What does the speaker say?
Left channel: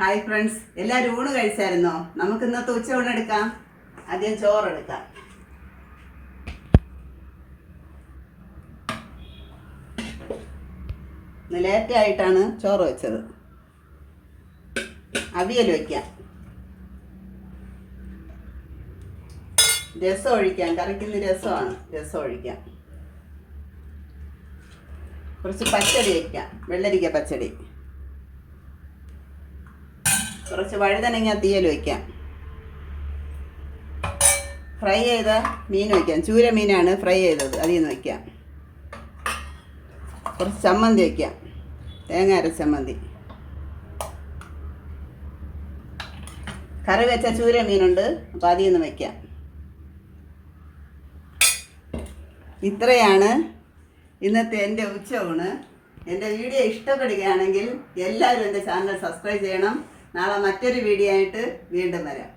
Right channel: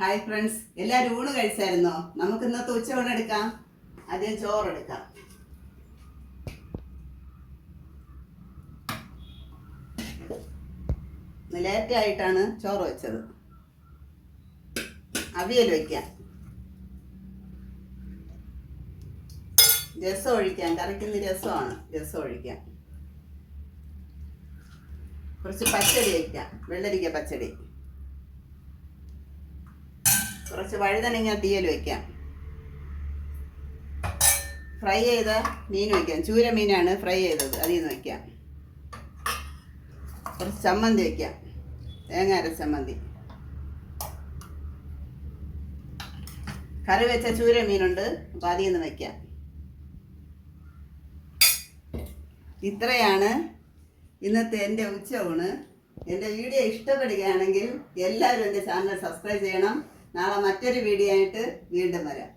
Hi friends, എല്ലാവരും ഊണ് കഴിച്ചായിരുന്നോ? നമുക്ക് ഇന്നത്തെ ഉച്ചയൂണ് എടുക്കാം. ആദ്യം ചോറെടുക്കാം. ലേറ്റായിട്ടാണ് ചോറ് വെച്ചത്. അവിയൽ വയ്ക്കാം. രസം ഒഴിക്കാം. കറിക്കുന്ന രസമാണ്. രസം ഒഴിക്കാം. കുറച്ച് പച്ചടി വയ്ക്കാം. വെള്ളരിക്ക പച്ചടി. കുറച്ച് വഴുതനങ്ങ തീയൽ വയ്ക്കാം. ഫ്രൈ ചെയ്ത മീൻ വയ്ക്കാം. ചൂര മീനാണ് ഫ്രൈ ചെയ്തത്, അതിൽ നിന്ന് വയ്ക്കാം. കുറച്ച് ചമ്മന്തി വയ്ക്കാം. തേങ്ങ അരച്ച ചമ്മന്തി. കറി വെച്ച ചൂര മീനുണ്ട്, അപ്പോൾ അതിൽ നിന്ന് വയ്ക്കാം. ഇത്രയാണ് ഇന്നത്തെ എൻ്റെ ഉച്ചയൂണ്. എൻ്റെ വീഡിയോ ഇഷ്ടപ്പെടുകയാണെങ്കിൽ എല്ലാവരും എൻ്റെ ചാനൽ സബ്സ്ക്രൈബ് ചെയ്യണം. നാളെ മറ്റൊരു വീഡിയോ ആയിട്ട് വീണ്ടും വരാം.